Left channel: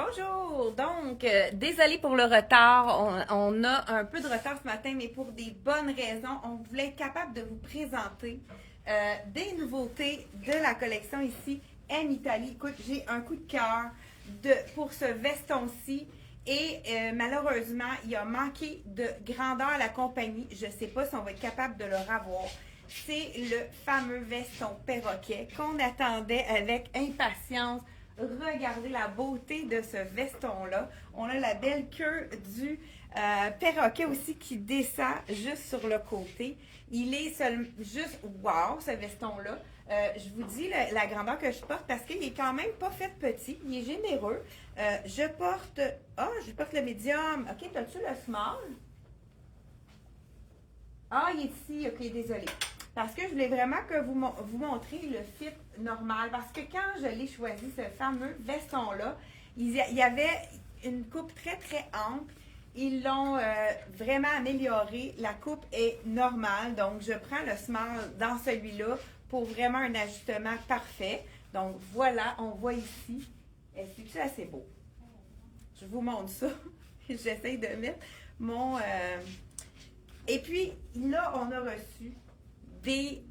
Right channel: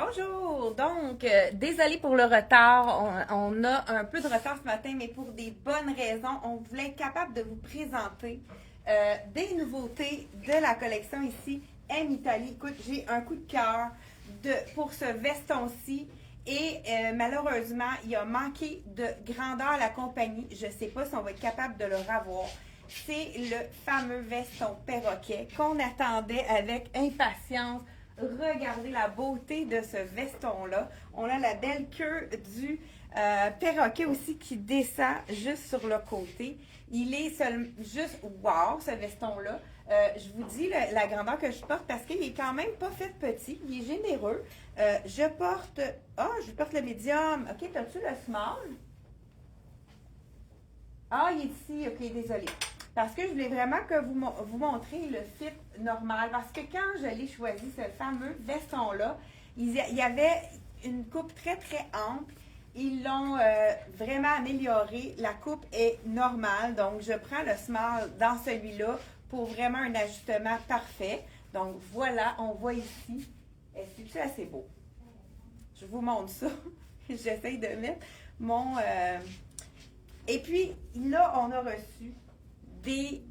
Bonjour! Donc, désolé pour le retard. On a un peu de retard ce matin, mais pour des bonnes raisons. On voulait être capable de vous présenter des nouveautés de la collection ici, M Italie. Écoute, j'ai un coup de cœur pour ce veston-ci. Et malheureusement, il a manqué de grandeur à la compagnie. Je ne sais pas si on va être capable de le revoir. C'est le fameux veston perroquet qu'on attendait avec impatience. Regardez la beauté de ce veston-là. On a la belle queue du perroquet aussi qui descend juste sur le côté. Il est juste wow, ce veston-là. Je vous dis la grandeur que je porte parce qu'il est quand même pas fait petit. Il est généreux. Je porte le médium. OK, t'as-tu le small? Ah, il est ici. OK, désolé. Parce que je voulais vraiment que vous montrer le fit normal. Parce que quand je l'ai choisi, ce fameux veston-là, il y avait une coupe très, très ample. Ils l'ont vraiment amélioré. La coupe est normale. Donc, je prends le small dans celui-là pour vraiment un ajustement parfait. Donc, voilà, on voit ici. Est-ce que c'est assez beau? Je vous montre ça. J'essaye de mettre mon... Et puis, là, on a reçu des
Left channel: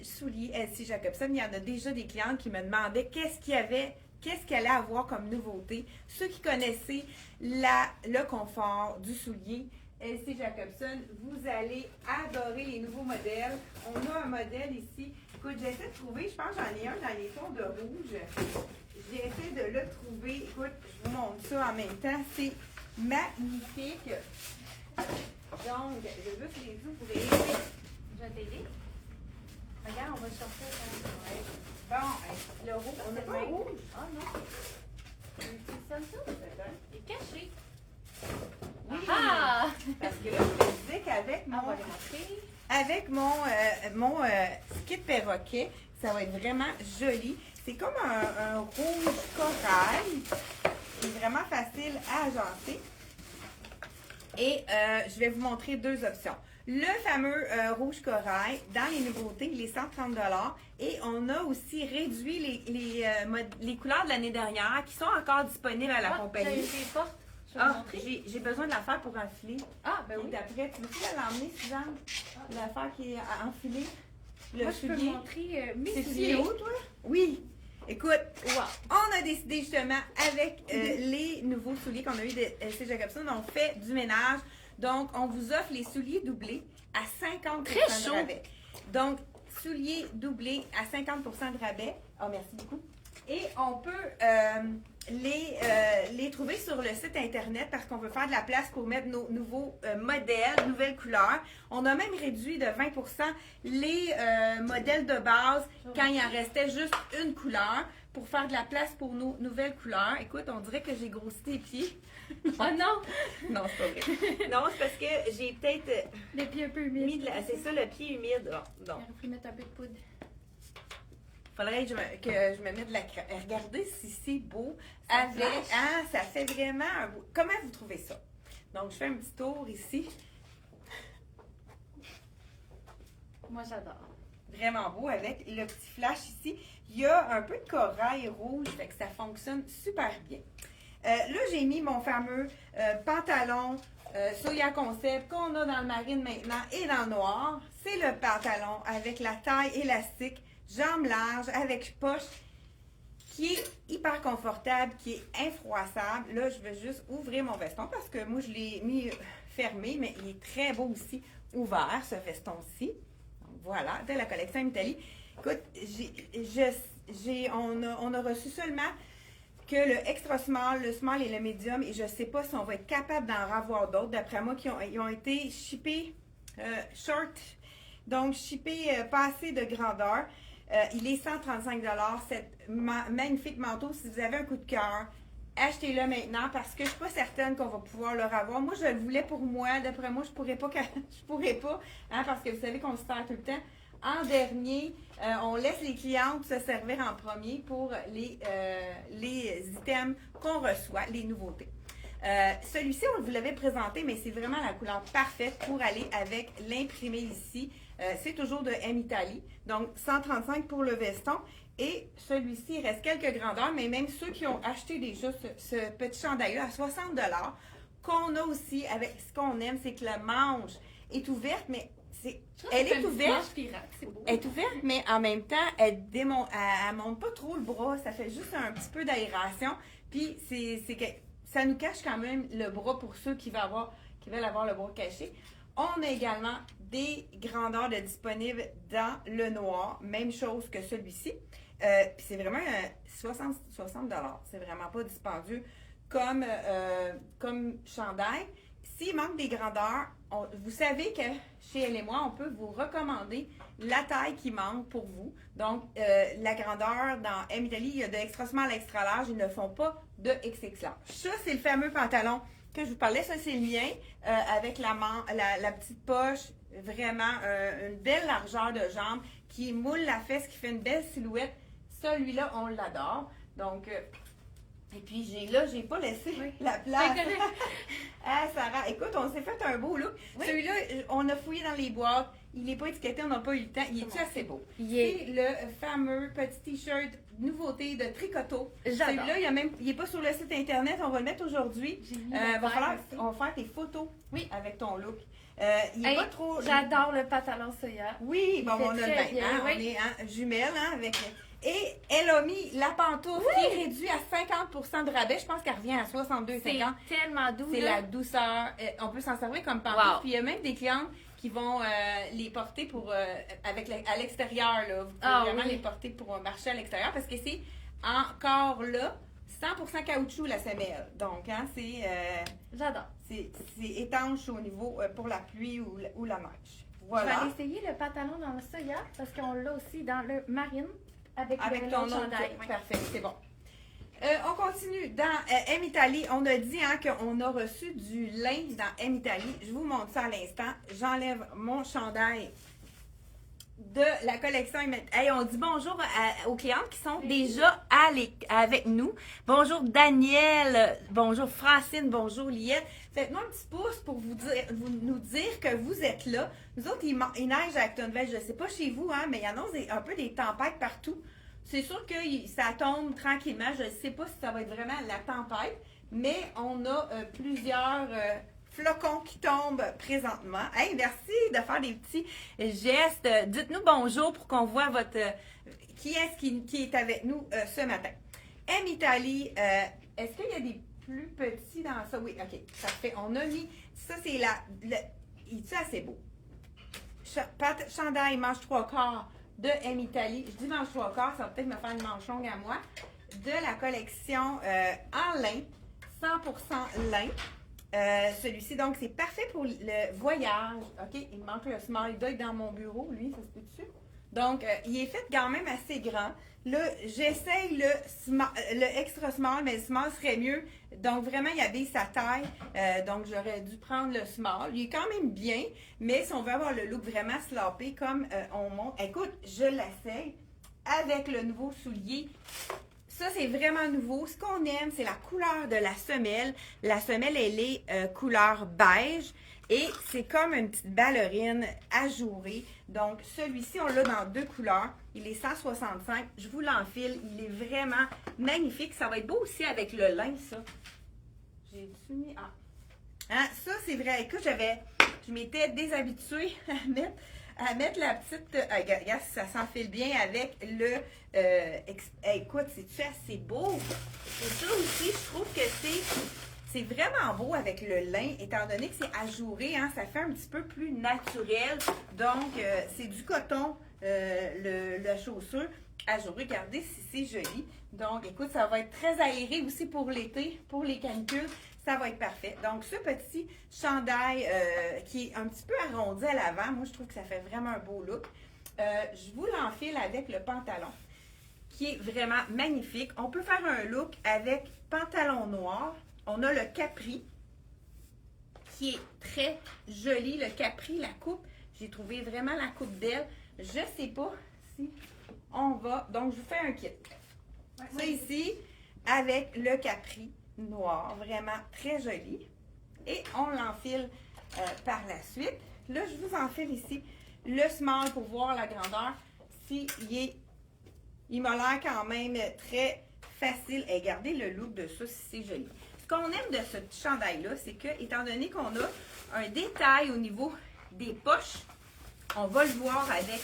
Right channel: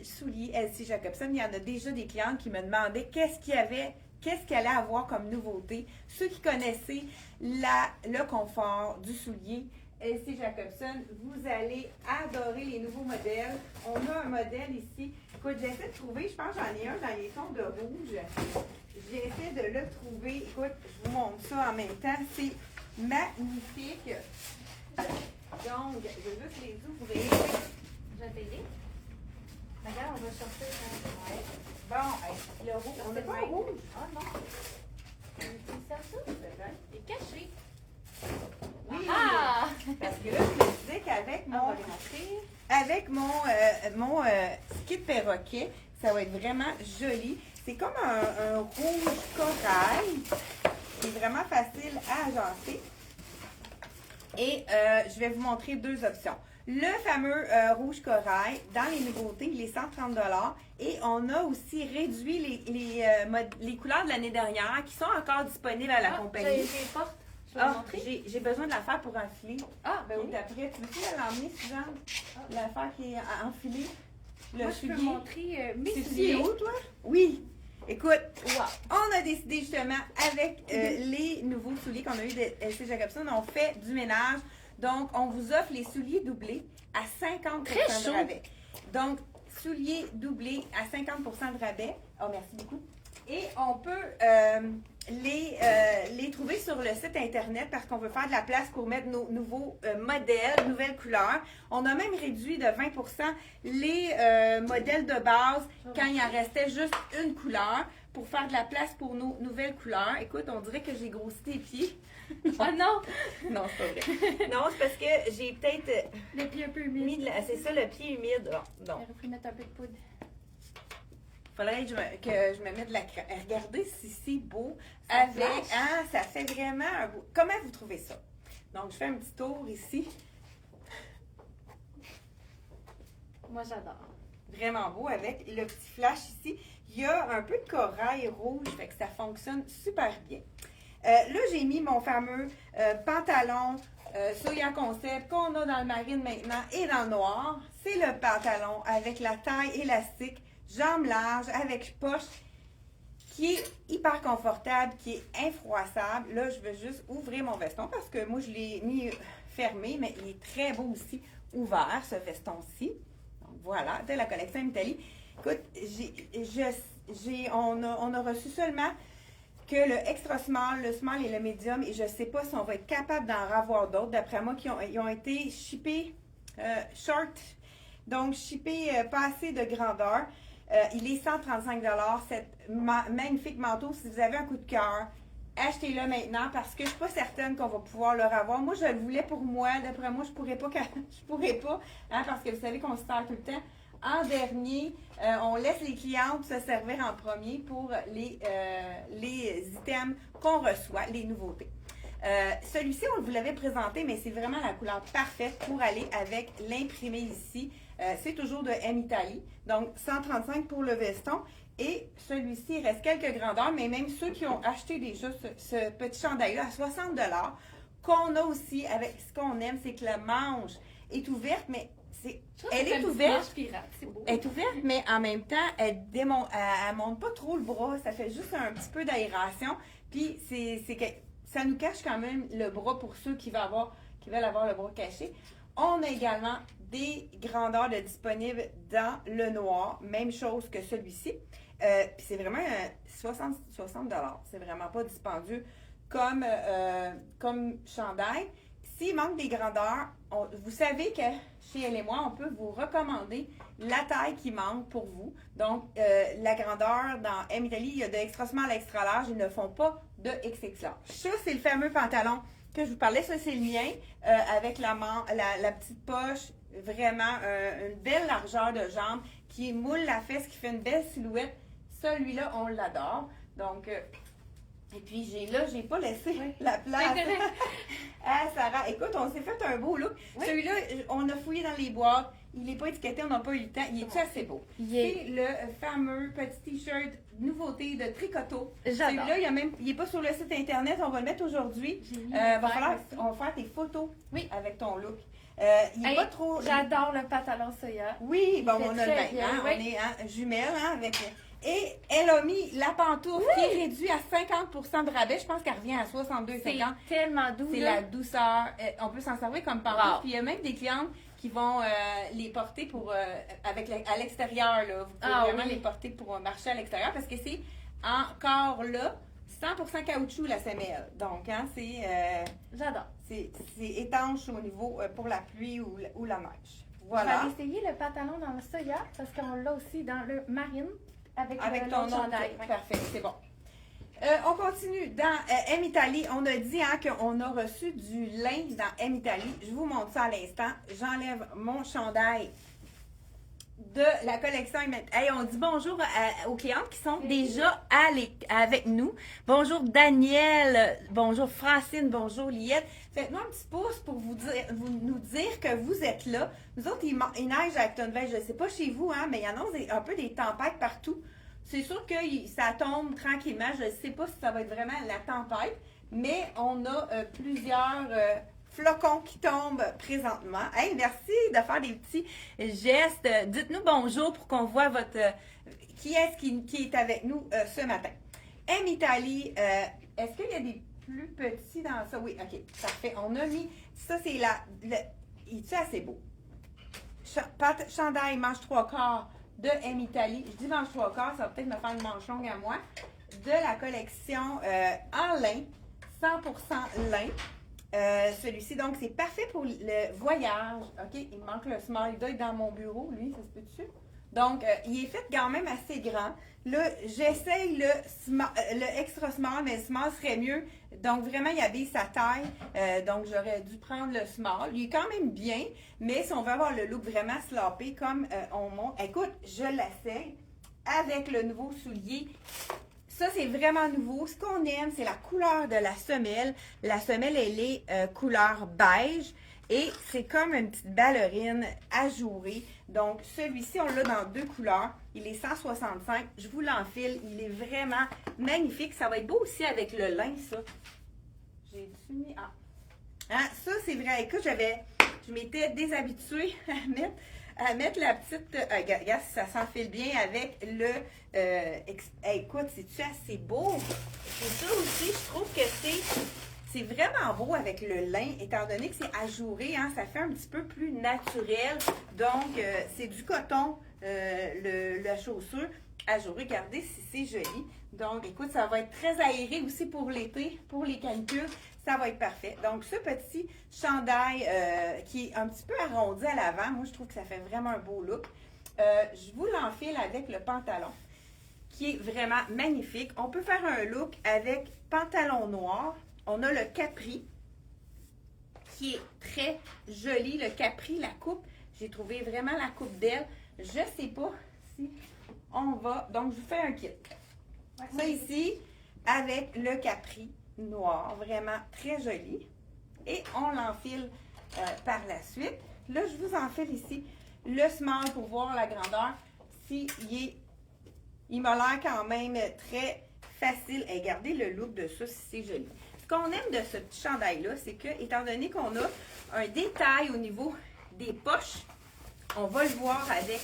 souliers LC Jacobson. Il y en a déjà des clients qui me demandaient qu'est-ce qu'il allait avoir comme nouveauté. Ceux qui connaissaient le confort du soulier LC Jacobson, vous allez adorer les nouveaux modèles. On a un modèle ici. Écoute, j'essaie de trouver, je pense que j'en ai un dans les tons de rouge. J'essaie de le trouver. Écoute, je vous montre ça en même temps. C'est magnifique. Donc, je vais juste les ouvrir. Je vais t'aider. Regarde, on va sortir. Ouais. Bon, le rouge. On n'a pas le rouge. Oh non. C'est comme ça? Il est caché. Oui, Ah! parce que là, je me disais qu'avec On va les montrer. avec mon skip perroquet, ça va être vraiment joli. C'est comme un rouge corail. C'est vraiment facile à agencer. Et je vais vous montrer deux options. Le fameux rouge corail, dans les nouveautés, il est 130 $. Et on a aussi réduit les couleurs de l'année dernière qui sont encore disponibles à la compagnie. J'ai porte. J'ai besoin de la faire pour enfiler. Ah, ben oui. Après, tu veux l'emmener, Suzanne? L'affaire qui est enfilée. Moi, je peux montrer mes C'est souliers. où, toi? Oui. Écoute, on a décidé justement avec les nouveaux souliers qu'on a eu de LC Jacobson, on fait du ménage. Donc, on vous offre les souliers doublés à 50% de rabais. Donc, souliers doublés à 50% de rabais. Oh, merci beaucoup. Et on peut les trouver sur le site Internet parce qu'on veut faire de la place pour mettre nos nouveaux modèles, nouvelles couleurs. On a même réduit de 20% les modèles de base quand il en restait juste une couleur pour faire de la place pour nos nouvelles couleurs. Écoute, on dirait que j'ai grossi tes pieds. Ah non! Non, c'est pas vrai. Non, c'est parce que j'ai peut-être Le pied un peu humide. c'est ça, le pied humide. On aurait pu mettre un peu de poudre. Faudrait que je me mette de la crème. Regardez si c'est beau. Avec, ça fait vraiment un beau. Comment vous trouvez ça? Donc, je fais un petit tour ici. Moi, j'adore. Vraiment beau avec le petit flash ici. Il y a un peu de corail rouge, fait que ça fonctionne super bien. Là, j'ai mis mon fameux pantalon Soya Concept qu'on a dans le marine maintenant et dans le noir. C'est le pantalon avec la taille élastique, jambes larges, avec poche, qui est hyper confortable, qui est infroissable. Là, je vais juste ouvrir mon veston parce que moi, je l'ai mis fermé, mais il est très beau aussi ouvert, ce veston-ci. Donc, voilà, de la collection Italie. Écoute, on a reçu seulement que le extra small, le small et le medium, et je ne sais pas si on va être capable d'en avoir d'autres, d'après moi, ils ont été shippés short, donc shippés pas assez de grandeur. Il est 135 $, cet magnifique manteau. Si vous avez un coup de cœur, achetez-le maintenant parce que je ne suis pas certaine qu'on va pouvoir le revoir. Moi, je le voulais pour moi. D'après moi, je pourrais pas, parce que vous savez qu'on se sert tout le temps. En dernier, on laisse les clientes se servir en premier pour les items qu'on reçoit, les nouveautés. Celui-ci, on vous l'avait présenté, mais c'est vraiment la couleur parfaite pour aller avec l'imprimé ici. C'est toujours de M Italie, donc 135 pour le veston. Et celui-ci, il reste quelques grandeurs, mais même ceux qui ont acheté déjà ce petit chandail-là à 60 qu'on a aussi avec ce qu'on aime, c'est que la manche est ouverte, mais elle est ouverte. Elle est ouverte, mais en même temps, elle monte pas trop le bras. Ça fait juste un petit peu d'aération. Puis c'est que ça nous cache quand même le bras pour ceux qui veulent avoir le bras caché. On a également des grandeurs de disponibles dans le noir. Même chose que celui-ci. Puis c'est vraiment 60 C'est vraiment pas dispendieux comme chandail. S'il manque des grandeurs, vous savez que chez Elle et moi, on peut vous recommander la taille qui manque pour vous. Donc, la grandeur dans M Italie, il y a de extra small à extra large. Ils ne font pas de XX large. Ça, c'est le fameux pantalon que je vous parlais. Ça, c'est le mien avec la petite poche. Vraiment, une belle largeur de jambe qui moule la fesse, qui fait une belle silhouette. Celui-là, on l'adore. Donc, et puis, j'ai pas laissé la place. Ah, Sarah, écoute, on s'est fait un beau look. Oui. Celui-là, on a fouillé dans les boîtes. Il n'est pas étiqueté, on n'a pas eu le temps. Il est assez beau. C'est le fameux petit t-shirt nouveauté de Tricoto. Celui-là, il n'est pas sur le site internet. On va le mettre aujourd'hui. On va faire tes photos avec ton look. Il est pas trop. J'adore le pantalon soya. Oui, bon, on a le même. On est jumelles avec. Et elle a mis la pantoufle qui est réduite à 50% de rabais. Je pense qu'elle revient à 62,50. C'est tellement doux. C'est la douceur. On peut s'en servir comme pantoufle. Wow. Puis il y a même des clientes qui vont les porter à l'extérieur. Vous pouvez vraiment les porter pour marcher à l'extérieur parce que c'est encore là 100% caoutchouc la semelle. Donc, j'adore. C'est étanche au niveau pour la pluie ou la neige. Voilà. J'ai essayé le pantalon dans le soya parce qu'on l'a aussi dans le marine. Avec ton chandail. Parfait, c'est bon. On continue. Dans M Italie, on a dit qu'on a reçu du lin dans M Italie. Je vous montre ça à l'instant. J'enlève mon chandail de la collection. Hey, on dit bonjour aux clientes qui sont déjà avec nous. Bonjour Daniel, bonjour Francine, bonjour Liette. Faites-nous un petit pouce pour nous dire que vous êtes là. Nous autres, il neige à Actonville. Je ne sais pas chez vous, mais il y en a un peu des tempêtes partout. C'est sûr que ça tombe tranquillement. Je ne sais pas si ça va être vraiment la tempête, mais on a plusieurs flocons qui tombent présentement. Hey, merci de faire des petits gestes. Dites-nous bonjour pour qu'on voit qui est-ce qui est avec nous ce matin. M Italie, est-ce qu'il y a des plus petits dans ça? Oui, ok, parfait. On a mis, ça c'est ça c'est beau. Chandail manche 3/4 de M Italie. Je dis manche 3/4, ça va peut-être me faire une manche longue à moi. De la collection en lin, 100% lin. Celui-ci, donc c'est parfait pour le voyage. Ok, il manque le small dog dans mon bureau, lui, ça se peut dessus. Donc, il est fait quand même assez grand. Là, j'essaye le extra small, mais le small serait mieux. Donc, vraiment, il habille sa taille. Donc, j'aurais dû prendre le small. Il est quand même bien, mais si on veut avoir le look vraiment sloppé comme on montre. Écoute, je l'essaye avec le nouveau soulier. Ça, c'est vraiment nouveau. Ce qu'on aime, c'est la couleur de la semelle. La semelle, elle est couleur beige. Et c'est comme une petite ballerine ajourée. Donc, celui-ci, on l'a dans deux couleurs. Il est 165. Je vous l'enfile. Il est vraiment magnifique. Ça va être beau aussi avec le lin, ça. J'ai-tu mis... ça, c'est vrai. Écoute, je m'étais déshabituée à mettre la petite... regarde, ça s'enfile bien avec le... écoute, c'est-tu assez beau? Et ça aussi, je trouve que c'est vraiment beau avec le lin, étant donné que c'est ajouré, ça fait un petit peu plus naturel. Donc, c'est du coton, la chaussure ajourée. Regardez si c'est joli. Donc, écoute, ça va être très aéré aussi pour l'été, pour les canicules. Ça va être parfait. Donc, ce petit chandail qui est un petit peu arrondi à l'avant, moi, je trouve que ça fait vraiment un beau look. Je vous l'enfile avec le pantalon, qui est vraiment magnifique. On peut faire un look avec pantalon noir. On a le capri, qui est très joli. Le capri, la coupe, j'ai trouvé vraiment la coupe d'elle. Je ne sais pas si on va... Donc, je vous fais un kit. Ça ici, avec le capri noir, vraiment très joli. Et on l'enfile par la suite. Là, je vous enfile ici le small pour voir la grandeur, s'il est Il m'a l'air quand même très facile. Et regardez le look de ça, si c'est joli. Ce qu'on aime de ce petit chandail-là, c'est que, étant donné qu'on a un détail au niveau des poches, on va le voir avec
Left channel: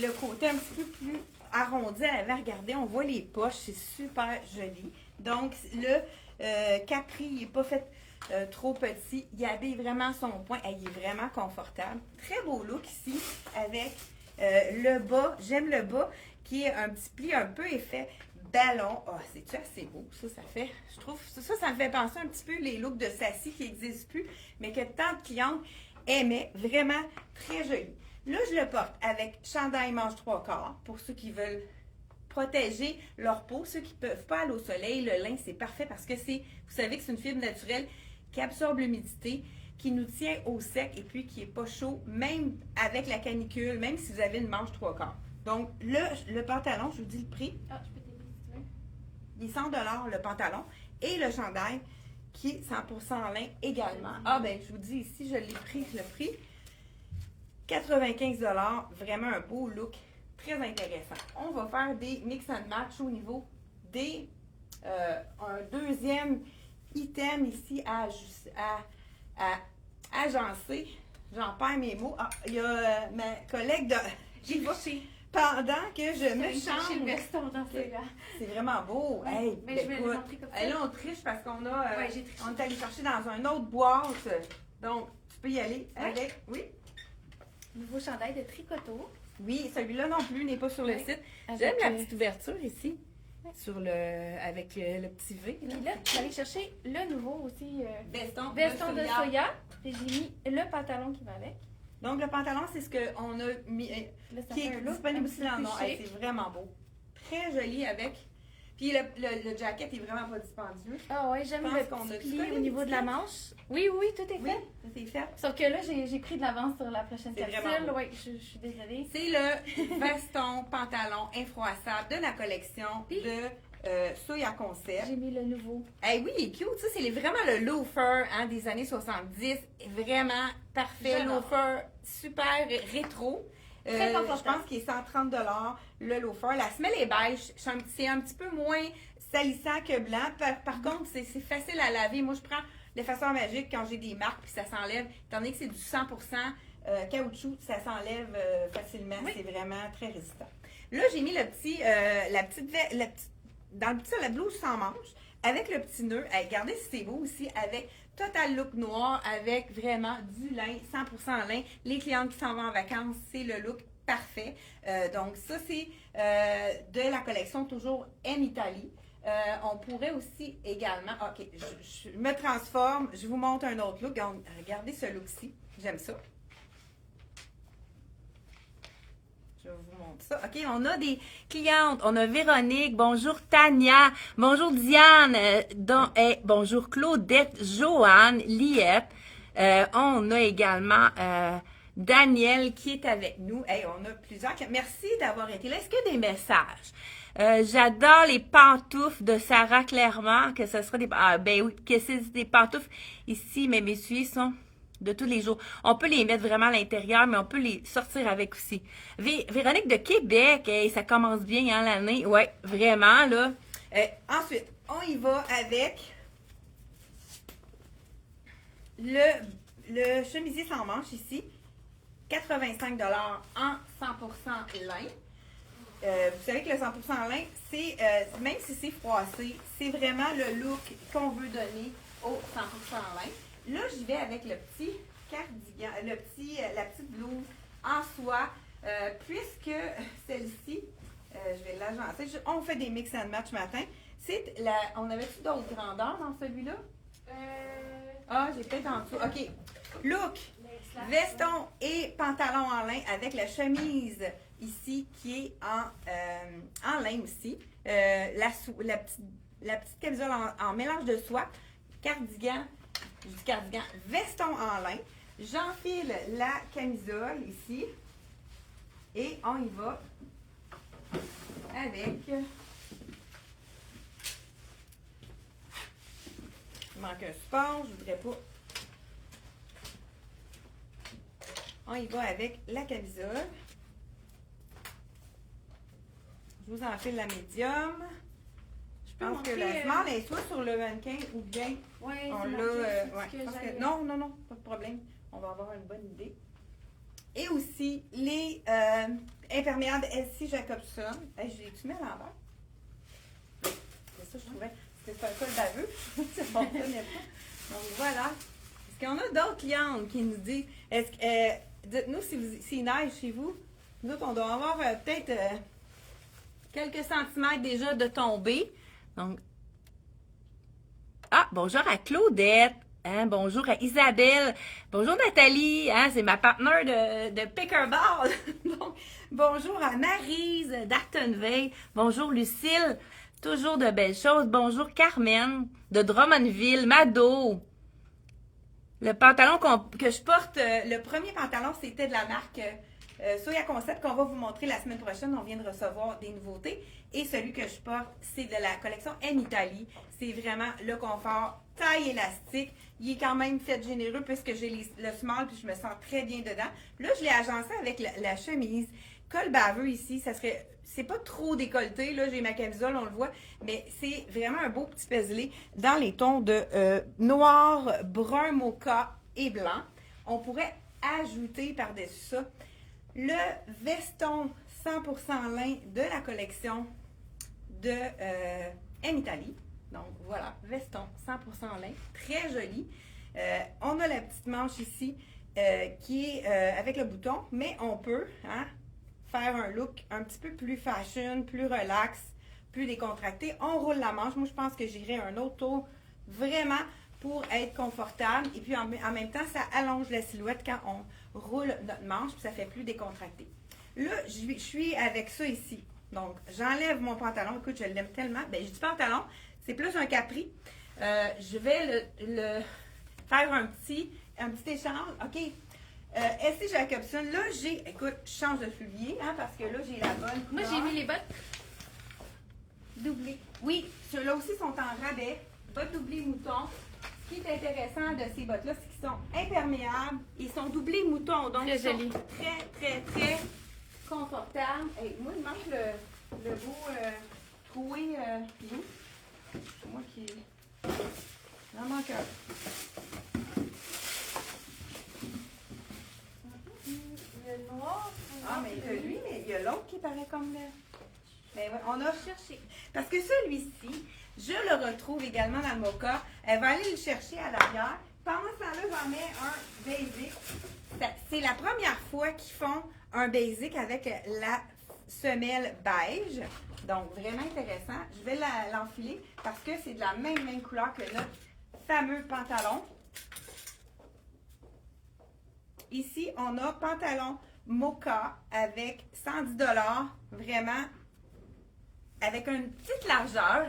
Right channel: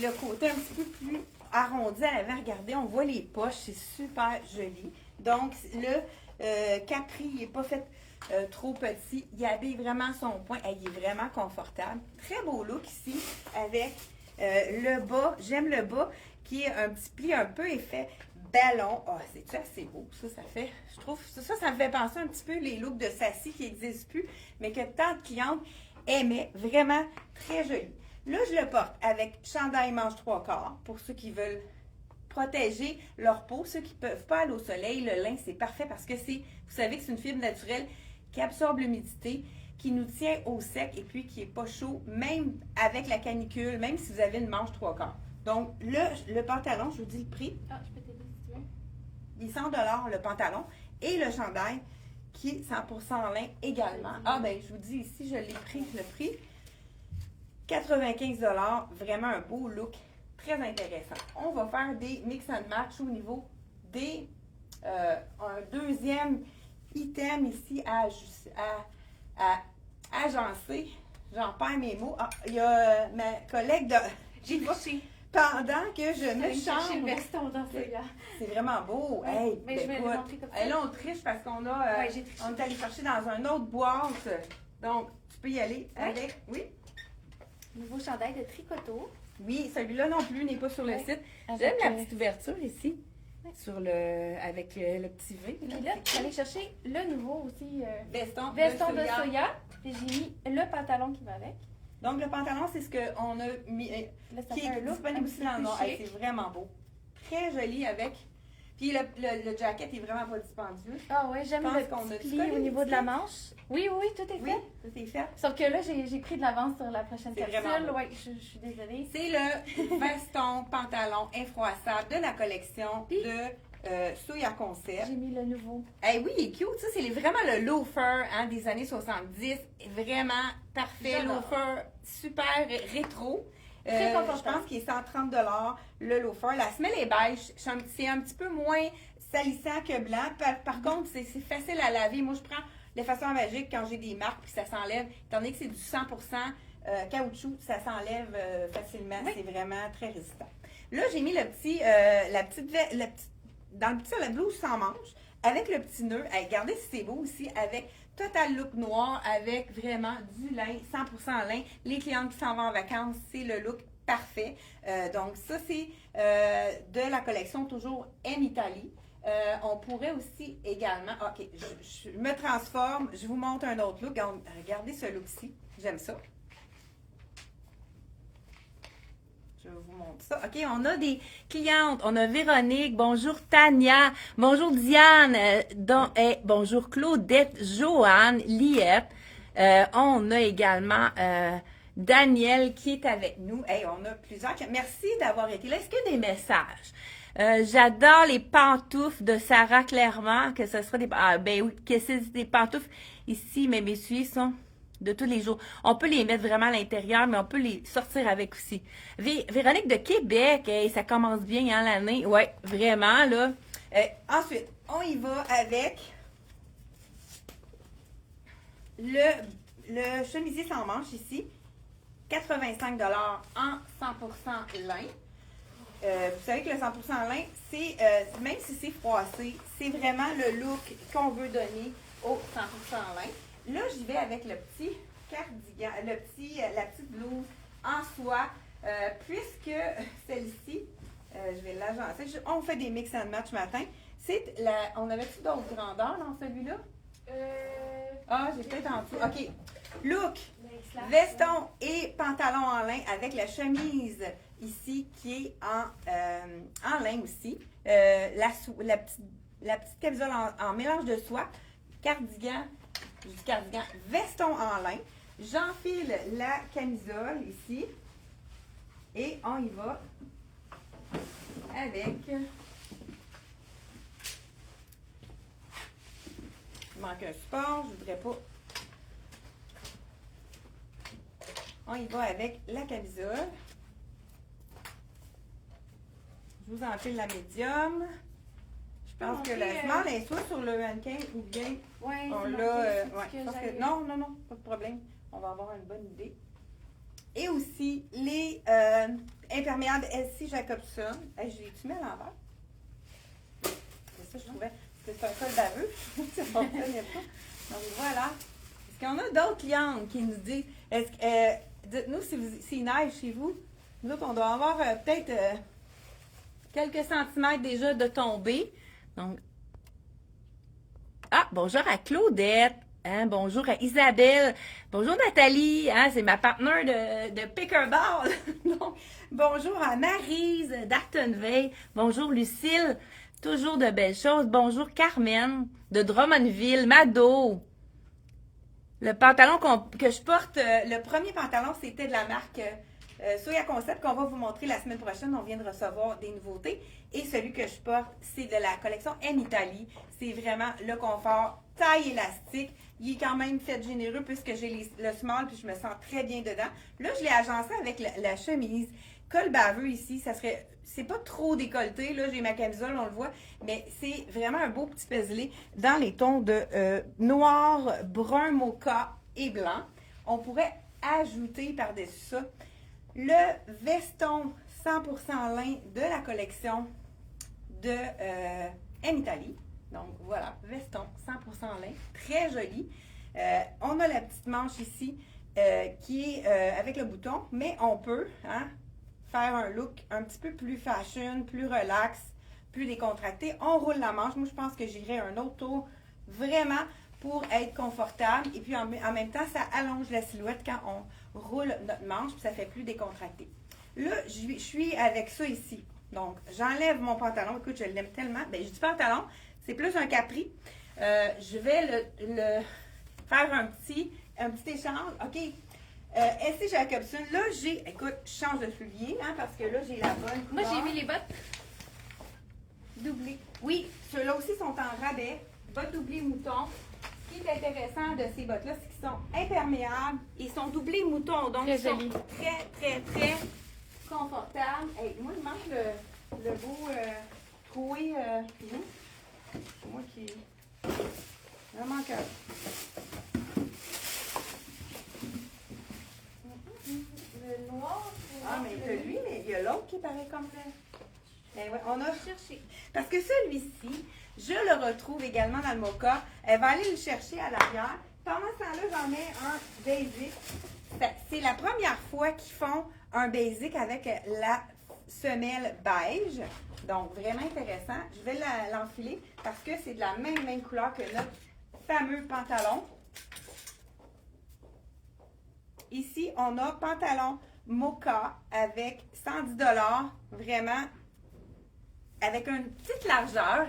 le côté un petit peu plus arrondi à l'avant. Regardez, on voit les poches, c'est super joli. Donc, le capri, il n'est pas fait trop petit. Il habille vraiment son point. Il est vraiment confortable. Très beau look ici avec le bas. J'aime le bas qui est un petit pli un peu effet ballon. Ah, c'est assez beau. Ça fait, je trouve, ça me fait penser un petit peu les looks de Sassy qui n'existent plus, mais que tant de clientes aimaient. Vraiment très joli. Là, je le porte avec chandail manche 3/4 pour ceux qui veulent protéger leur peau. Ceux qui ne peuvent pas aller au soleil, le lin, c'est parfait parce que vous savez que c'est une fibre naturelle qui absorbe l'humidité, qui nous tient au sec et puis qui n'est pas chaud, même avec la canicule, même si vous avez une manche 3/4. Donc, le pantalon, je vous dis le prix. Ah, je peux t'aider si tu veux. Il est 100 le pantalon et le chandail qui est 100% lin également. Ah, ben, je vous dis ici, je l'ai pris, 95 vraiment un beau look, très intéressant. On va faire des mix and match au niveau des un deuxième item ici à agencer. J'en perds mes mots. Ah, il y a ma collègue de... J'ai poussé. Pendant que je me chercher le change. veston dans celui-là. C'est vraiment beau. Ouais, Hey, mais je vais le montrer comme ça. Là, on triche parce qu'on a... Ouais, j'ai triché. on est allé chercher dans un autre boîte. Donc, tu peux y aller avec... Oui. Nouveau chandail de tricoto. Oui, celui-là non plus n'est pas sur le Oui. site. Avec, J'aime la petite ouverture ici. Oui. Sur avec le petit V. Puis là, je suis allée chercher le nouveau aussi. Veston Veston de soya. Puis j'ai mis le pantalon qui va avec. Donc, le pantalon, c'est ce qu'on a mis... Là, ça qui fait est un look disponible un aussi petit dans peu le noir. chic. Hey, c'est vraiment beau. Très joli avec... Puis le jacket est vraiment pas dispendieux. Ah ouais, j'aime Je pense le qu'on a petit tout pli collé, au niveau de la petit manche. Oui, oui, tout est Oui, fait. ça c'est fait. Sauf que là, j'ai pris de l'avance sur la prochaine C'est vraiment capsule. beau. Oui, je suis désolée. C'est le veston pantalon infroissable de la collection de Soya Concept. J'ai mis le nouveau. Eh oui, il est cute. Ça, c'est vraiment le loafer des années 70. Vraiment parfait. J'adore. Loafer super rétro. Très Je confortable. pense qu'il est 130 le loafer. La semelle est beige. C'est un petit peu moins salissant que blanc. Par contre, c'est facile à laver. Moi, je prends de façon magique quand j'ai des marques puis ça s'enlève. Étant donné que c'est du 100% caoutchouc, ça s'enlève facilement. Oui. C'est vraiment très résistant. Là, j'ai mis dans la blouse sans manche, avec le petit nœud. Hey, regardez si c'est beau aussi, avec total look noir, avec vraiment du lin, 100% lin. Les clientes qui s'en vont en vacances, c'est le look parfait. Donc ça, c'est de la collection toujours en Italie. On pourrait aussi également... OK, je me transforme, je vous montre un autre look. Regardez ce look-ci, j'aime ça. Je vous montre ça. OK, on a des clientes. On a Véronique. Bonjour Tania. Bonjour Diane. Bonjour Claudette, Joanne, Liette. On a également Daniel qui est avec nous. Hey, on a plusieurs. Merci d'avoir été là. Est-ce qu'il y a des messages? J'adore les pantoufles de Sarah Clairement. Que ce sera des... Ah, ben oui, que c'est des pantoufles ici, mais mes souliers sont de tous les jours. On peut les mettre vraiment à l'intérieur, mais on peut les sortir avec aussi. Véronique de Québec, hey, ça commence bien hein, l'année. Oui, vraiment, là. Ensuite, on y va avec le chemisier sans manche ici. 85 $ en 100% lin. Vous savez que le 100% lin, c'est même si c'est froissé, c'est vraiment le look qu'on veut donner au 100% lin. Là, j'y vais avec le petit cardigan, la petite blouse en soie, puisque celle-ci, je vais l'agencer. On fait des mix and match matin. On avait-tu d'autres grandeurs dans celui-là? Ah, j'ai peut-être en dessous. OK. Look, veston et pantalon en lin avec la chemise ici qui est en lin aussi. La petite camisole en mélange de soie. Cardigan, veston en lin. J'enfile la camisole ici. Et on y va avec... Il manque un support, je voudrais pas... On y va avec la camisole. Je vous enfile la médium. Je pense que la montrer, small est soit sur le mannequin ou bien Ouais, on c'est l'a. marqué, Ouais, c'est je ce pense que que- j'avais. non, non, non, pas de problème. On va avoir une bonne idée. Et aussi les imperméables SC Jacobson. J'ai-tu mis à l'envers? C'est ça, je trouvais. C'est un col baveux. Ça fonctionnait pas. Donc voilà. Est-ce qu'on a d'autres clientes qui nous disent, dites-nous s'il neige chez vous. Nous autres, on doit avoir peut-être quelques centimètres déjà de tombée. Donc, bonjour à Claudette. Hein, bonjour à Isabelle. Bonjour Nathalie. Hein, c'est ma partenaire de pickleball. Donc, bonjour à Maryse d'Artenveil. Bonjour Lucille. Toujours de belles choses. Bonjour Carmen de Drummondville. Mado. Le pantalon que je porte, le premier pantalon, c'était de la marque Soya Concept qu'on va vous montrer la semaine prochaine. On vient de recevoir des nouveautés. Et celui que je porte, c'est de la collection M Italie. C'est vraiment le confort, taille élastique. Il est quand même fait généreux puisque j'ai le small puis je me sens très bien dedans. Là, je l'ai agencé avec la chemise. Col baveux ici, c'est pas trop décolleté. Là, j'ai ma camisole, on le voit. Mais c'est vraiment un beau petit paisley dans les tons de noir, brun, mocha et blanc. On pourrait ajouter par-dessus ça le veston 100% lin de la collection de M Italie. Donc voilà, veston 100% lin, très joli. On a la petite manche ici qui est avec le bouton, mais on peut faire un look un petit peu plus fashion, plus relax, plus décontracté. On roule la manche. Moi, je pense que j'irai un autre tour vraiment pour être confortable. Et puis en même temps, ça allonge la silhouette quand on roule notre manche, puis ça fait plus décontracté. Là, je suis avec ça ici. Donc, j'enlève mon pantalon. Écoute, je l'aime tellement. Ben, j'ai du pantalon. C'est plus un capri. Je vais le faire un petit échange. OK. SC Jacobson. Là, écoute, je change de soulier, parce que là, j'ai la bonne Moi, couleur. j'ai mis les bottes. Doublé. Oui, ceux-là aussi sont en rabais. Bottes doublées mouton. Ce qui est intéressant de ces bottes-là, c'est qu'ils sont imperméables. Ils sont doublés mouton. Donc, Très ils sont joli. très, très, très confortables. Hey, moi, il manque le beau troué. C'est moi qui. Vraiment cœur. Le noir. Mais il y a lui, mais il y a l'autre qui paraît comme le. Mais ouais, on a cherché. Parce que celui-ci, je le retrouve également dans le mocha. Elle va aller le chercher à l'arrière. Pendant ce temps-là, j'en mets un basic. C'est la première fois qu'ils font un basic avec la semelle beige. Donc, vraiment intéressant. Je vais l'enfiler parce que c'est de la même couleur que notre fameux pantalon. Ici, on a pantalon mocha avec 110 $, vraiment avec une petite largeur.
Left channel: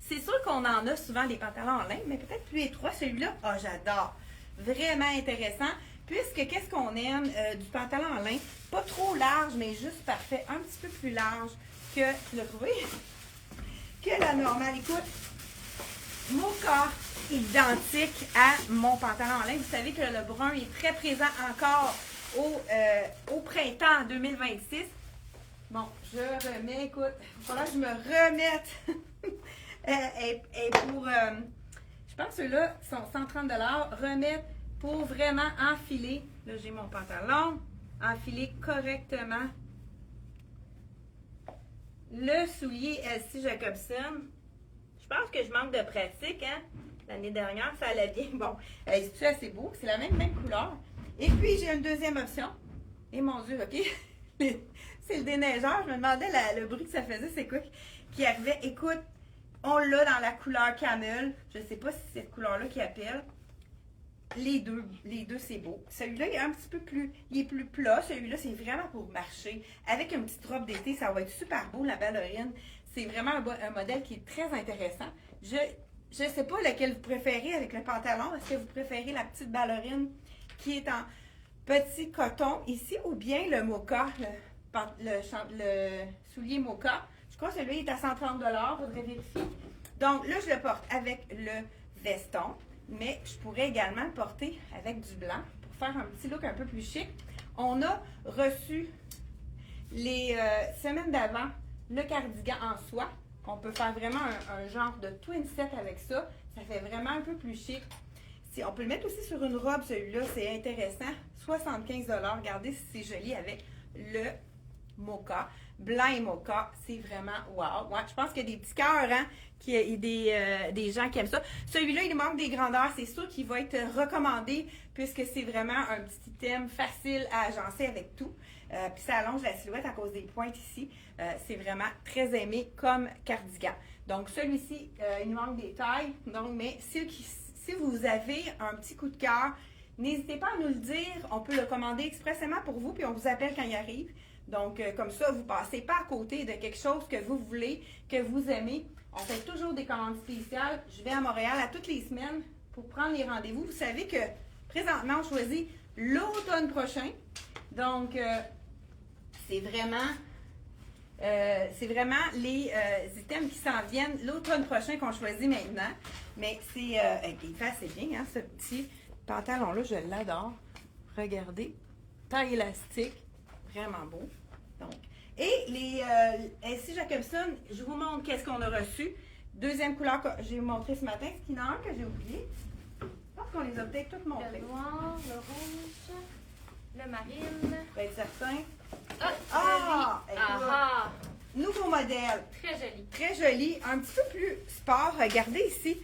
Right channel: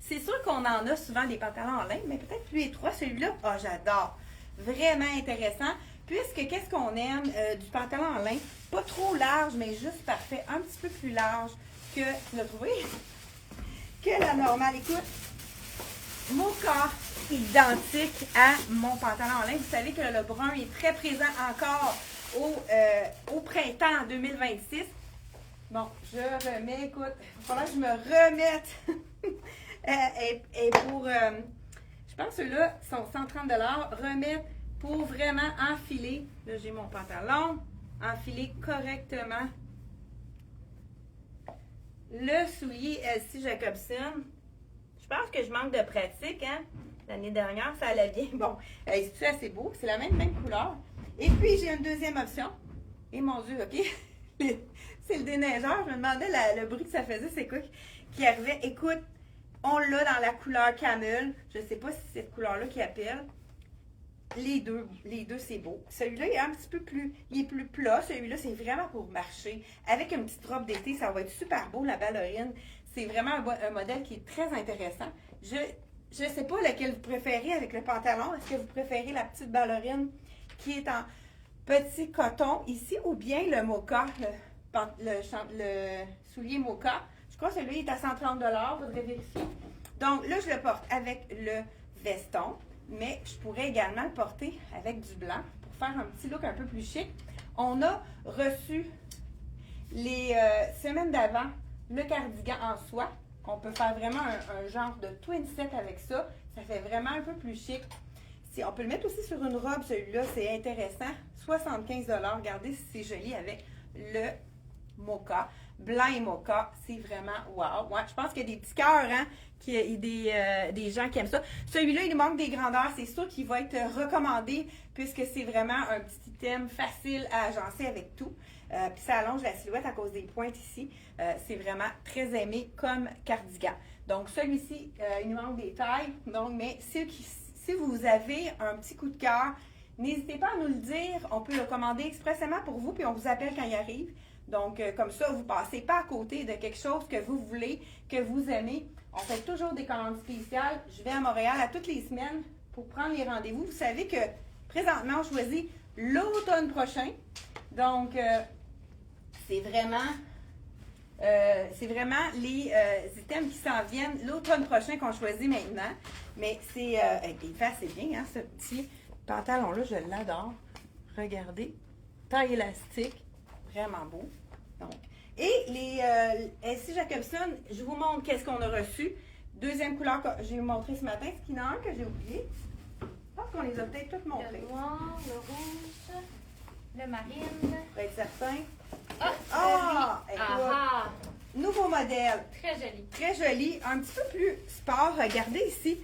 C'est sûr qu'on en a souvent des pantalons en laine, mais peut-être plus étroit. Celui-là, j'adore. Vraiment intéressant. Puisque, qu'est-ce qu'on aime du pantalon en lin? Pas trop large, mais juste parfait. Un petit peu plus large que, le trouvé, que la normale. Écoute, mocha identique à mon pantalon en lin. Vous savez que le brun est très présent encore au printemps 2026. Bon, je remets, écoute, il va falloir que je me remette. Et pour, je pense que ceux-là sont 130 $. Remettre pour vraiment enfiler. Là, j'ai mon pantalon. Enfiler correctement le soulier SC Jacobson. Je pense que je manque de pratique, L'année dernière, ça allait bien. Bon, c'est assez beau. C'est la même couleur. Et puis, j'ai une deuxième option. Et mon Dieu, OK? C'est le déneigeur. Je me demandais le bruit que ça faisait. C'est quoi qui arrivait? Écoute, on l'a dans la couleur camel. Je ne sais pas si c'est cette couleur-là qui appelle. Les deux, c'est beau. Celui-là, il est un petit peu plus, il est plus plat. Celui-là, c'est vraiment pour marcher. Avec une petite robe d'été, ça va être super beau, la ballerine. C'est vraiment un modèle qui est très intéressant. Je ne sais pas lequel vous préférez avec le pantalon. Est-ce que vous préférez la petite ballerine qui est en petit coton ici ou bien le mocha, le soulier mocha? Je crois que celui est à 130 $. Il faudrait vérifier. Donc là, je le porte avec le veston. Mais je pourrais également le porter avec du blanc pour faire un petit look un peu plus chic. On a reçu les semaines d'avant le cardigan en soie. On peut faire vraiment un genre de twin set avec ça. Ça fait vraiment un peu plus chic. On peut le mettre aussi sur une robe, celui-là, c'est intéressant. 75 $. Regardez si c'est joli avec le mocha. Blanc et mocha, c'est vraiment wow. Ouais, je pense qu'il y a des petits cœurs, hein, des gens qui aiment ça. Celui-là, il manque des grandeurs. C'est sûr qu'il va être recommandé puisque c'est vraiment un petit item facile à agencer avec tout. Puis ça allonge la silhouette à cause des pointes ici. C'est vraiment très aimé comme cardigan. Donc celui-ci, il nous manque des tailles. Donc, mais si vous avez un petit coup de cœur, n'hésitez pas à nous le dire. On peut le commander expressément pour vous, puis on vous appelle quand il arrive. Donc, comme ça, vous ne passez pas à côté de quelque chose que vous voulez, que vous aimez. On fait toujours des commandes spéciales. Je vais à Montréal à toutes les semaines pour prendre les rendez-vous. Vous savez que présentement, on choisit l'automne prochain. Donc, c'est vraiment les items qui s'en viennent l'automne prochain qu'on choisit maintenant. Mais c'est il fait assez bien, hein, ce petit pantalon-là, je l'adore. Regardez, taille élastique, vraiment beau. Donc, et les LC Jacobson, je vous montre qu'est-ce qu'on a reçu. Deuxième couleur que j'ai montré ce matin, ce qu'il y en a un que j'ai oublié. Je pense qu'on les a peut-être toutes montrées. Le noir, le rouge, le marine. Pour être certain. Ah! Nouveau modèle. Très joli. Très joli, un petit peu plus sport. Regardez ici.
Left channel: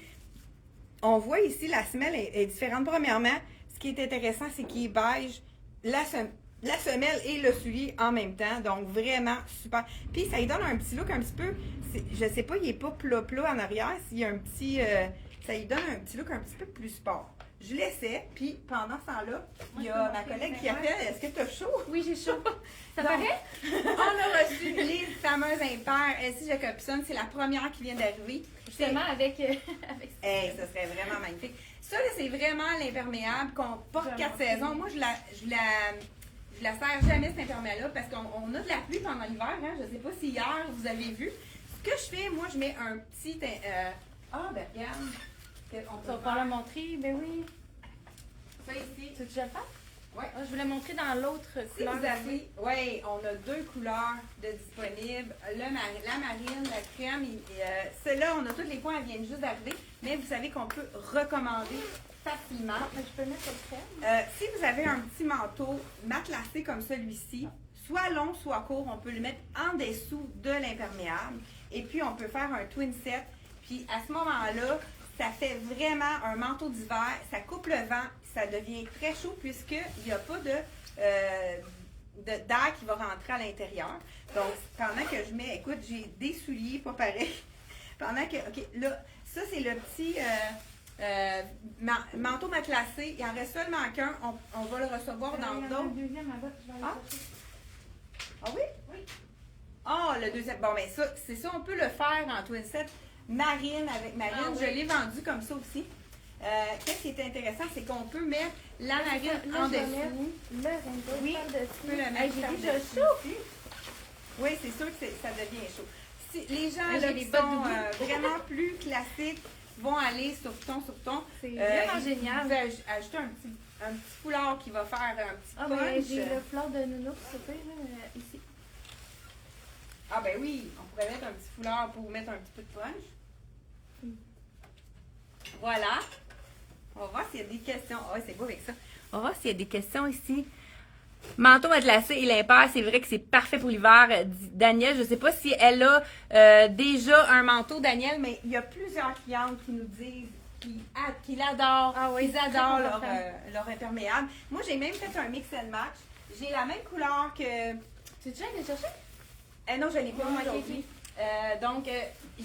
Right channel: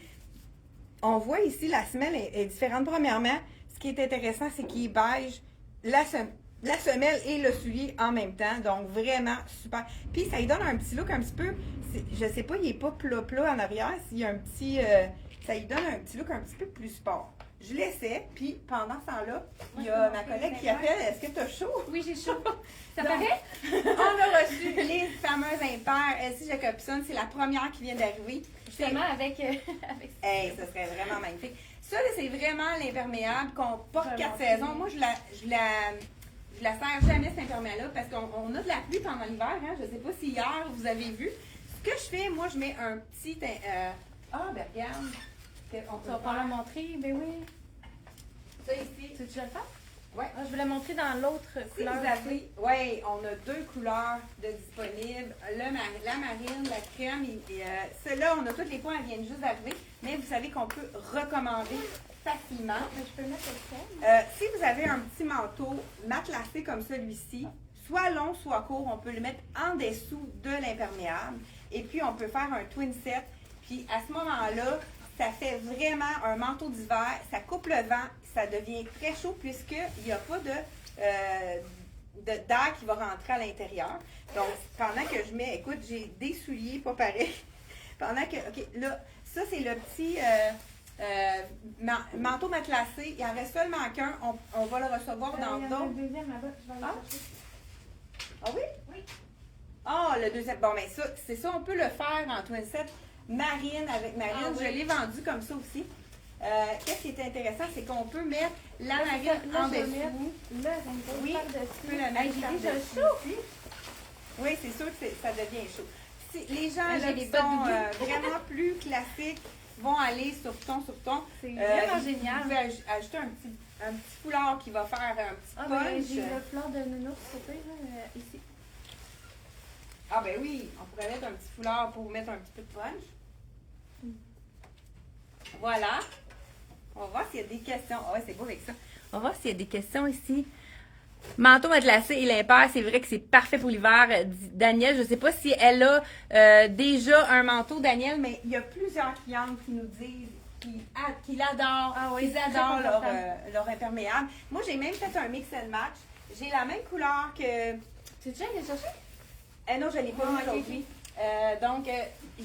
On voit ici la semelle est différente. Premièrement, ce qui est intéressant, c'est qu'il est beige. La semelle et le soulier en même temps. Donc, vraiment super. Puis, ça lui donne un petit look un petit peu, je sais pas, il est pas plat en arrière. S'il y a un petit, ça lui donne un petit look un petit peu plus sport. Je l'essaie, puis pendant ce temps-là, il y a ma collègue qui appelle. Est-ce que tu as chaud? Oui, j'ai chaud. Ça paraît? On a reçu les fameuses impaires LC Jacobson. C'est la première qui vient d'arriver. Justement, avec Hey, ça serait vraiment magnifique. Ça, là, c'est vraiment l'imperméable qu'on porte 4 saisons. Moi, je la sers jamais, cette imperméable-là, parce qu'on a de la pluie pendant l'hiver. Hein? Je ne sais pas si hier, vous avez vu. Ce que je fais, moi, je mets un petit... ben regarde. On va pouvoir le montrer, ben oui. Ça ici. Tu veux que je le fasse? Oui. Je voulais montrer dans l'autre Si couleur. vous avez, oui, on a 2 couleurs de disponibles. La marine, la crème. Celle-là, on a tous les points, elles viennent juste d'arriver. Mais vous savez qu'on peut recommander facilement. Je peux le mettre le crème? Si vous avez un petit manteau matelassé comme celui-ci, soit long, soit court, on peut le mettre en dessous de l'imperméable. Et puis, on peut faire un twin set. Puis, à ce moment-là, ça fait vraiment un manteau d'hiver. Ça coupe le vent. Ça devient très chaud puisqu'il n'y a pas d'air qui va rentrer à l'intérieur. Donc, pendant que je mets, écoute, j'ai des souliers pas pareils. Pendant que, OK, là, ça, c'est le petit manteau matelassé. Il en reste seulement qu'un. On va le recevoir dans d'autres. Deuxième, là, je vais aller Ah. chercher. Ah oui? Oui. Ah, le deuxième. Bon, ben ça, c'est ça, on peut le faire en twin set. Marine avec marine. Ah, oui. Je l'ai vendu comme ça aussi. Qu'est-ce qui est intéressant, c'est qu'on peut mettre la marine Là, en je vais dessous. mettre le rainbow Oui, par-dessus. tu peux la mettre Hey, j'ai par-dessus. déjà chaud. Oui, c'est sûr que ça devient chaud. Si les gens J'ai là, des qui bottes sont doudou. vraiment plus classiques vont aller sur ton. C'est vraiment Vous génial. pouvez ajouter un petit foulard qui va faire un petit Ah, ben, punch. j'ai le fleur de nounours, s'il te plaît, là, ici. Ah ben oui, on pourrait mettre un petit foulard pour mettre un petit peu de punch. Voilà. On va voir s'il y a des questions. Ah ouais, c'est beau avec ça. On va voir s'il y a des questions ici. Manteau matelassé et l'impair, c'est vrai que c'est parfait pour l'hiver. Daniel, je ne sais pas si elle a déjà un manteau, Daniel, mais il y a plusieurs clientes qui nous disent qu'ils l'adorent. Ah oui, ils adorent c'est confortable. leur imperméable. Moi, j'ai même fait un mix and match. J'ai la même couleur que... Tu es déjà allé chercher? non, je l'ai pas Ah, mis ok. aujourd'hui. Donc,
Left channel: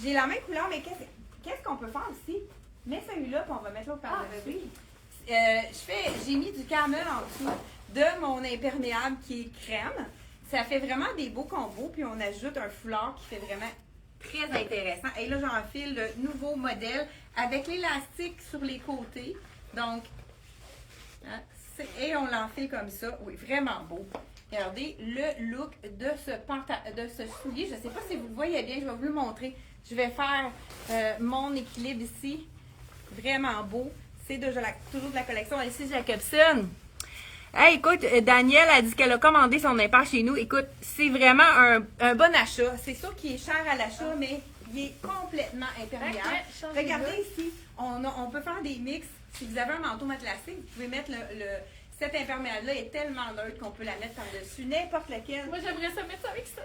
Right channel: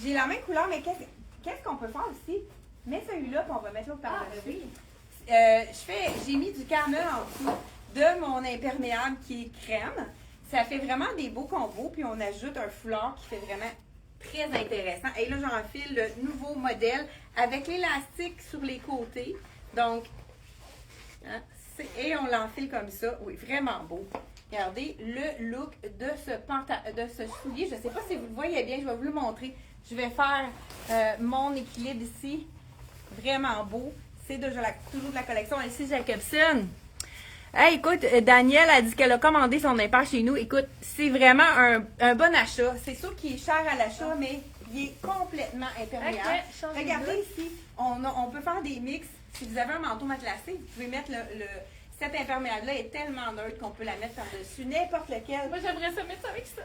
j'ai la même couleur, mais qu'est-ce qu'on peut faire aussi? Mets celui-là, puis on va mettre l'autre par le oui. j'ai mis du caramel en dessous de mon imperméable qui est crème. Ça fait vraiment des beaux combos, puis on ajoute un foulard qui fait vraiment très intéressant. Et là, j'enfile le nouveau modèle avec l'élastique sur les côtés. Donc, hein, et on l'enfile comme ça. Oui, vraiment beau. Regardez le look de ce soulier. Je ne sais pas si vous le voyez bien, je vais vous le montrer. Je vais faire mon équilibre ici. Vraiment beau. C'est toujours de la collection LC Jacobson. Hey, écoute, Danielle a dit qu'elle a commandé son impair chez nous. Écoute, c'est vraiment un bon achat. C'est sûr qu'il est cher à l'achat, mais il est complètement imperméable. Ok, Regardez ici, on peut faire des mix. Si vous avez un manteau matelassé, vous pouvez mettre cet imperméable-là est tellement neutre qu'on peut la mettre par-dessus n'importe lequel. Moi, j'aimerais ça mettre ça avec ça.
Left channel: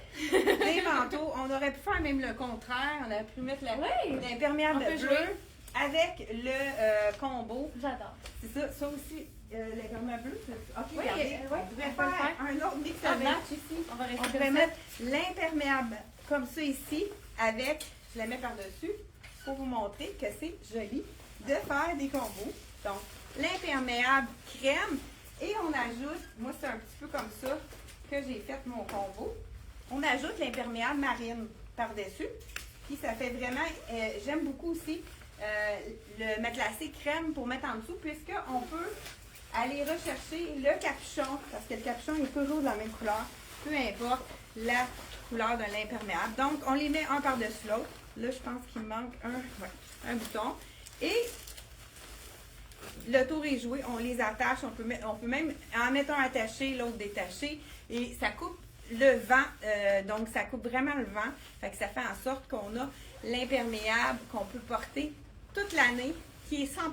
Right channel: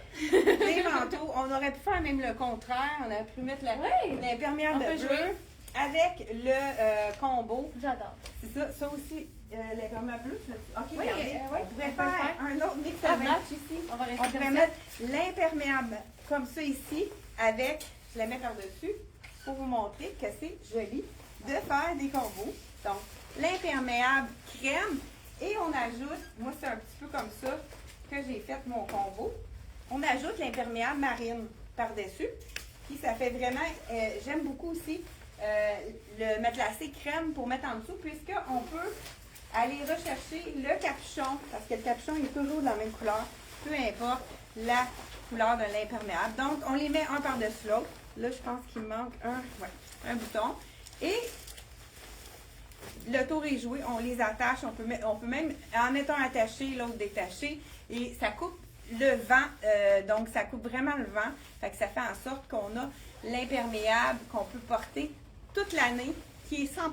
Les manteaux, on aurait pu faire même le contraire. On aurait pu mettre l'imperméable On peut bleu jouer. avec le combo. J'adore. C'est ça, ça aussi, l'imperméable bleu. Ok, Oui, regardez, oui, on pourrait on peut faire un autre mix Ah, de match ici. On va rester On pourrait comme mettre l'imperméable comme ça ici avec, je la mets par-dessus pour vous montrer que c'est joli de faire des combos. Donc, l'imperméable crème et on ajoute, moi c'est un petit peu comme ça que j'ai fait mon combo. On ajoute l'imperméable marine par-dessus. Puis ça fait vraiment, j'aime beaucoup aussi le matelassé crème pour mettre en dessous puisqu'on peut aller rechercher le capuchon parce que le capuchon est toujours de la même couleur, peu importe la couleur de l'imperméable. Donc, on les met un par-dessus l'autre. Là, je pense qu'il me manque un bouton. Et le tour est joué, on les attache. On peut même, en mettant attaché, l'autre détaché. Et ça coupe le vent. Donc, ça coupe vraiment le vent. Fait que ça fait en sorte qu'on a l'imperméable qu'on peut porter toute l'année, qui est 100%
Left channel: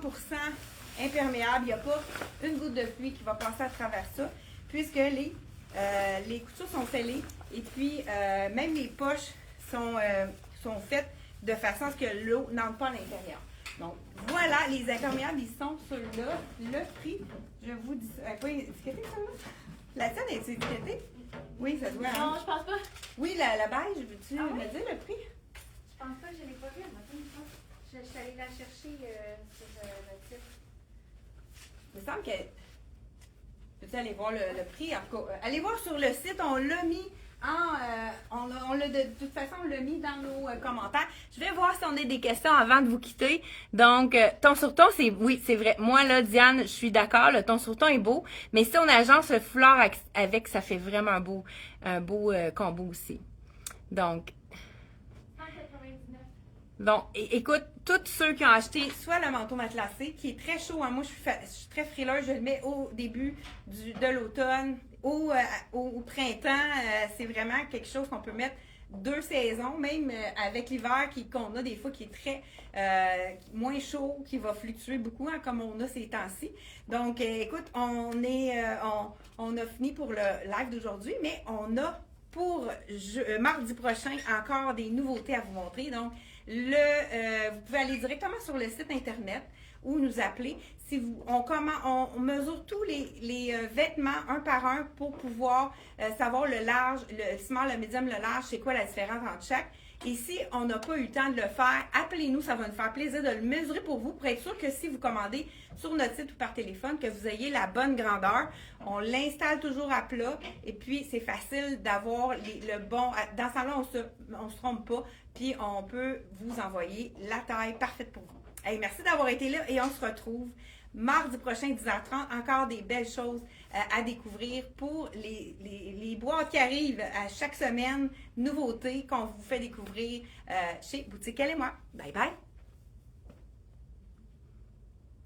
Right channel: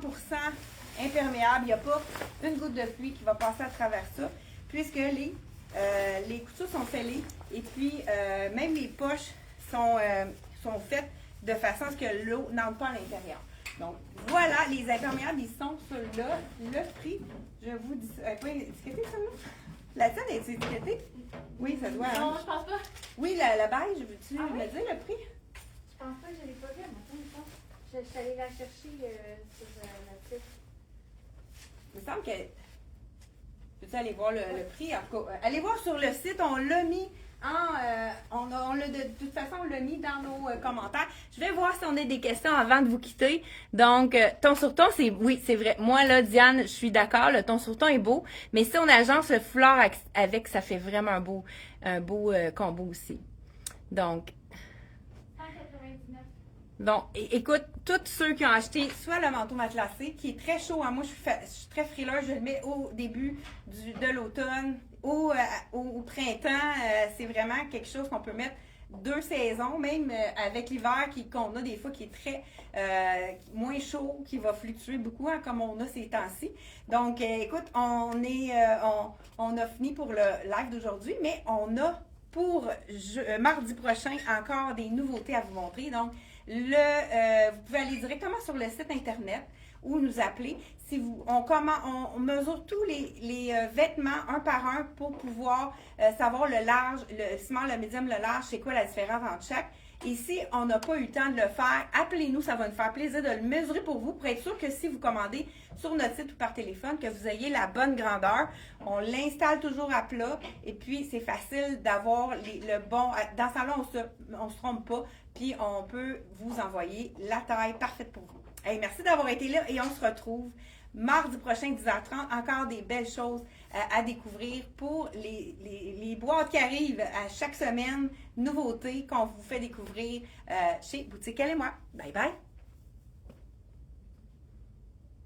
imperméable. Il n'y a pas une goutte de pluie qui va passer à travers ça, puisque les couteaux sont scellés et puis même les poches sont faites de façon à ce que l'eau n'entre pas à l'intérieur. Donc, voilà, les imperméables, ils sont ceux-là. Le prix, je vous dis ça. Quoi, étiqueté celle-là? La tienne est étiquetée? Oui, ça doit. Non, je pense pas. Oui, la beige, veux-tu Ah oui? me dire le prix? Je pense pas, je l'ai pas vu. Je suis allée la chercher sur le site. Il me semble que. Peux-tu aller voir le prix? En tout cas, allez voir sur le site, on l'a mis de toute façon, on l'a mis dans nos commentaires. Je vais voir si on a des questions avant de vous quitter. Donc, ton sur ton, oui, c'est vrai. Moi, là, Diane, je suis d'accord, le ton sur ton est beau. Mais si on agence le foulard avec, ça fait vraiment un beau combo aussi. Donc, 199. bon, écoute, tous ceux qui ont acheté soit le manteau matelassé, qui est très chaud, hein, moi je suis très frileuse, je le mets au début de l'automne, au printemps, c'est vraiment quelque chose qu'on peut mettre 2 saisons, même avec l'hiver qu'on a des fois qui est très moins chaud, qui va fluctuer beaucoup, hein, comme on a ces temps-ci. Donc, écoute, on a fini pour le live d'aujourd'hui, mais on a pour mardi prochain encore des nouveautés à vous montrer. Donc, vous pouvez aller directement sur le site internet ou nous appeler. On mesure tous les vêtements un par un pour pouvoir savoir le large, le small, le medium, le large, c'est quoi la différence entre chaque. Et si on n'a pas eu le temps de le faire, appelez-nous, ça va nous faire plaisir de le mesurer pour vous, pour être sûr que si vous commandez sur notre site ou par téléphone, que vous ayez la bonne grandeur. On l'installe toujours à plat et puis c'est facile d'avoir le bon. Dans ce temps-là, on se trompe pas, puis on peut vous envoyer la taille parfaite pour vous. Hey, merci d'avoir été là et on se retrouve mardi prochain, 10h30. Encore des belles choses à découvrir pour les boîtes qui arrivent à chaque semaine. Nouveautés qu'on vous fait découvrir chez Boutique Elle et moi. Bye bye!